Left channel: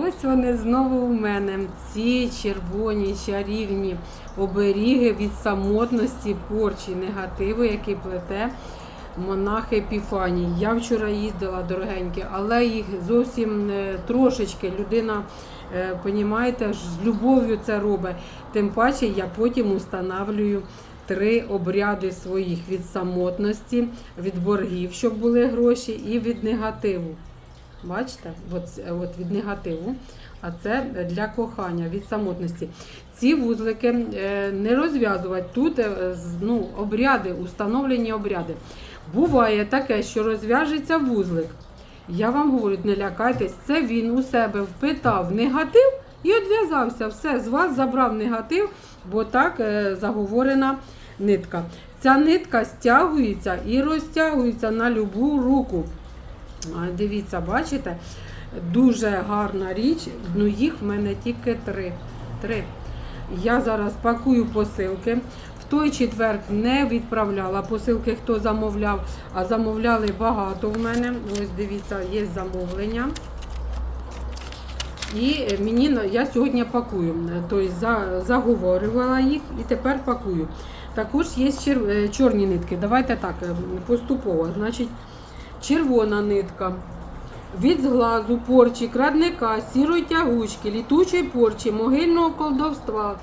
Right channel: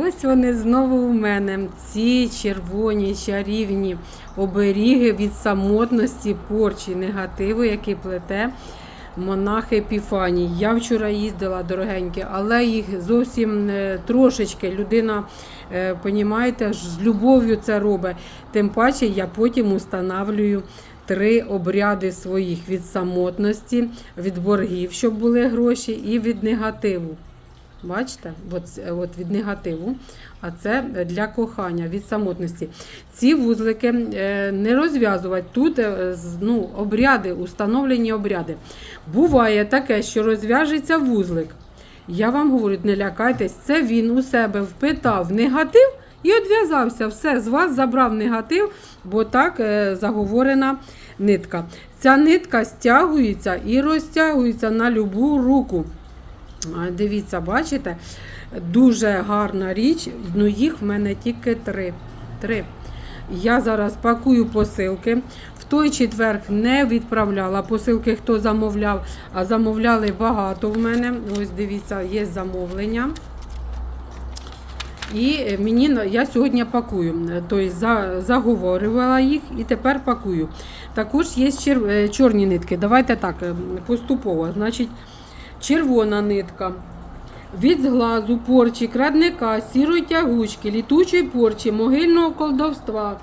Ось вони знову у мене. Ці червоні чарівні оберіги від самотності, порчі, негативу, який плете монах Епіфаній. Я вчора їздила дорогенькі, але їх зовсім е, трошечки. Людина, е, понімаєте, з любов'ю це робить. Тим паче я потім устанавлюю три обряди своїх від самотності, від боргів, щоб були гроші, і від негативу. Бачите, от, от від негативу, а це для кохання, від самотності. Ці вузлики е, не розв'язувати. Тут е, ну, обряди, установлені обряди. Буває таке, що розв'яжеться вузлик. Я вам говорю, не лякайтесь, це він у себе впитав негатив і одв'язався. Все, з вас забрав негатив, бо так е, заговорена нитка. Ця нитка стягується і розтягується на любу руку. А, Дивіться, бачите, дуже гарна річ. Ну їх в мене тільки три. три. Я зараз пакую посилки. В той четверг не відправляла посилки, хто замовляв, а замовляли багато в мене. Ось дивіться, є замовлення. І е, мені я сьогодні пакую. Тобто заговорювала їх і тепер пакую. Також є е, чорні нитки. Давайте так, е, поступово. Значить, червона нитка. Від зглазу, порчі, крадника, сірої тягучки, літучої порчі, могильного колдовства,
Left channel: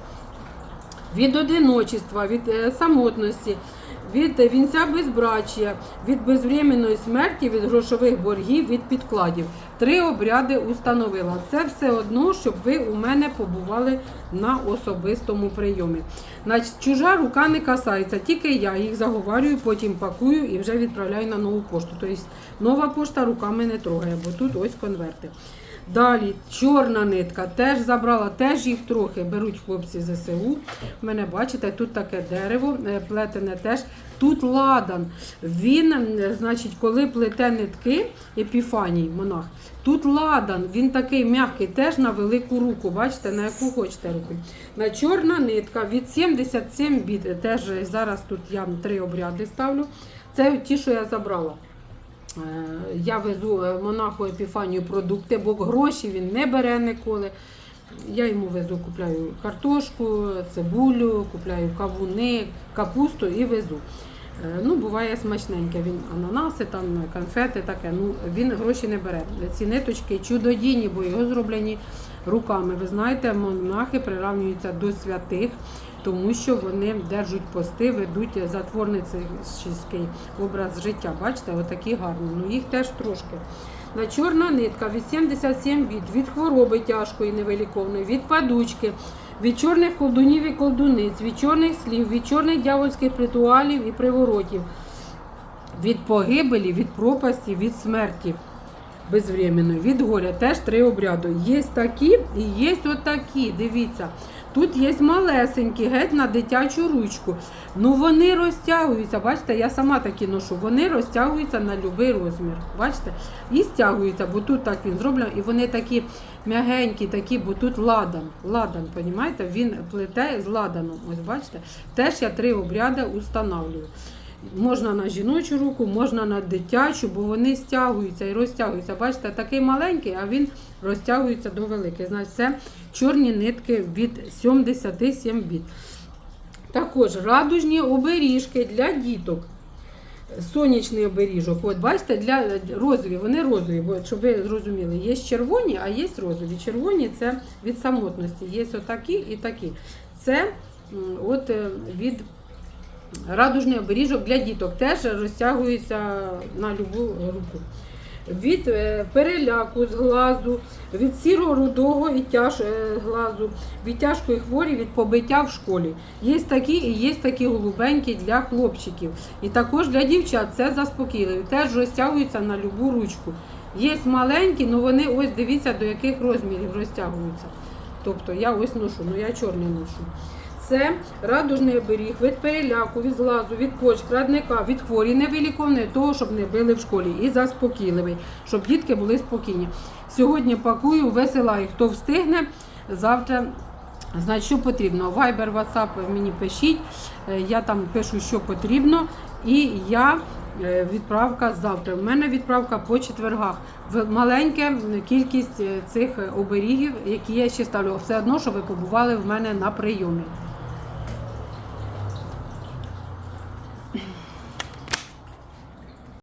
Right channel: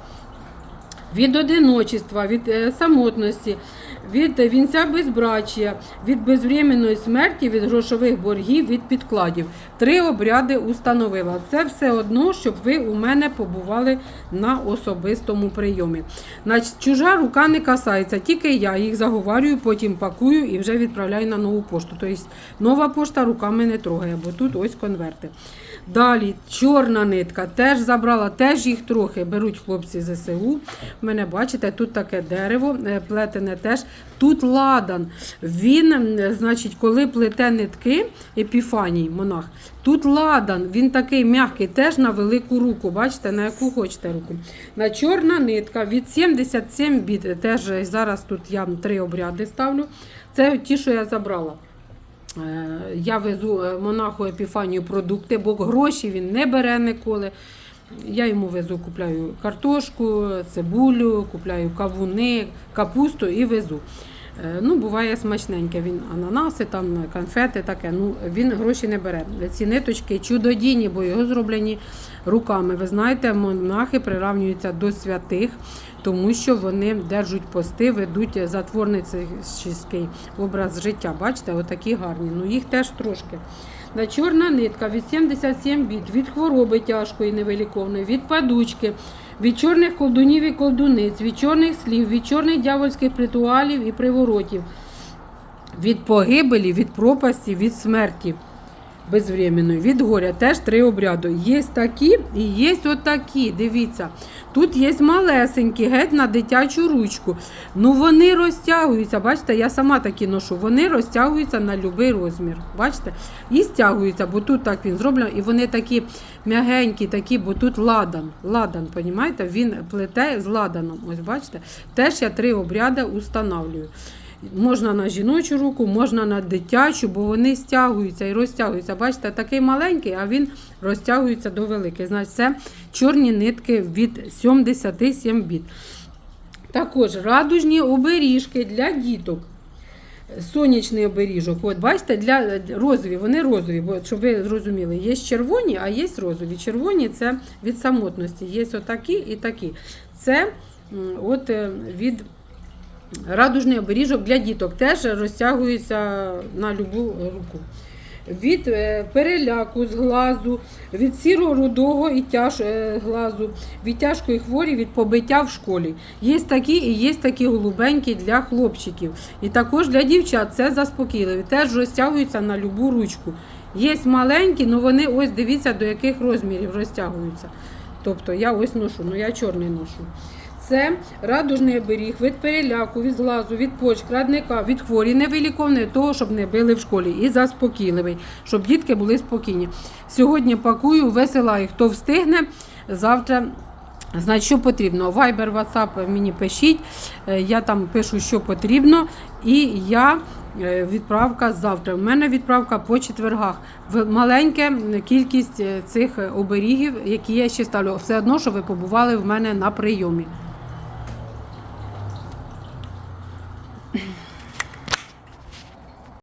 від одиночества, від е, самотності, від вінця безбрачія, від безвременної смерті, від грошових боргів, від підкладів. Три обряди установила. Це все одно, щоб ви у мене побували на особистому прийомі. Значить, чужа рука не касається, тільки я їх заговарюю, потім пакую і вже відправляю на нову пошту. Тобто нова пошта руками не трогає, бо тут ось конверти. Далі чорна нитка теж забрала, теж їх трохи беруть хлопці ЗСУ. В мене бачите, тут таке дерево, е, плетене теж. Тут ладан. Він, значить, коли плете нитки, епіфаній, монах, тут ладан, він такий м'який, теж на велику руку. Бачите, на яку хочете руку. На чорна нитка від 77 біт. Теж зараз тут я три обряди ставлю. Це ті, що я забрала. Е, Я везу е, монаху Епіфанію продукти, бо гроші він не бере ніколи. Я йому везу, купляю картошку, цибулю, купляю кавуни, капусту і везу. Е, Ну, буває смачненьке. Він ананаси, там конфети, таке. Ну, він гроші не бере. Ці ниточки чудодійні, бо його зроблені руками. Ви знаєте, монахи приравнюються до святих, тому що вони держать пости, ведуть затворницький образ життя. Бачите, отакі гарні. Ну їх теж трошки. На чорна нитка від 77 біт, від хвороби тяжкої невиліковної, від падучки, від чорних колдунів і колдуниць, від чорних слів, від чорних дявольських ритуалів і приворотів, від погибелі, від пропасті, від смерті безвременної, від горя. Теж три обряду. Є такі і є отакі. Дивіться. Тут є малесенькі, геть на дитячу ручку. Ну вони розтягуються. Бачите, я сама такі ношу. Вони розтягуються на будь-який розмір. Бачите? І стягуються, бо тут так він зроблено. І вони такі м'ягенькі, такі, бо тут ладан. Ладан, понімаєте? Він плете з ладаном. Ось бачите? Теж я три обряди устанавлюю. Можна на жіночу руку, можна на дитячу, бо вони стягуються і розтягуються. Бачите, такий маленький, а він розтягується до великих. Значить, це чорні нитки від 77 біт. Також радужні оберіжки для діток. Сонячний оберіжок. От бачите, для розові, вони розові, бо щоб ви зрозуміли, є червоні, а є розові. Червоні це від самотності. Є отакі і такі. Це от е, від радужний оберіжок для діток теж розтягується на любу руку. Від е, переляку з глазу, від сірого рудого і тяж е, глазу, від тяжкої хворі, від побиття в школі. Є такі і є такі голубенькі для хлопчиків. І також для дівчат це заспокійливі. Теж розтягуються на любу ручку. Є маленькі, але вони ось дивіться до яких розмірів розтягуються. Тобто я ось ношу, ну я чорний ношу. Це радужний оберіг від переляку, від зглазу, від поч, крадника, від хворі, невиліковної, того, щоб не били в школі. І заспокійливий, щоб дітки були спокійні. Сьогодні пакую, висилаю, хто встигне. Завтра, значить, що потрібно. Viber, WhatsApp мені пишіть. Е, Я там пишу, що потрібно. І я е, відправка завтра. У мене відправка по четвергах. В маленька кількість е, цих оберігів, які я ще ставлю. Все одно, що ви побували в мене на прийомі.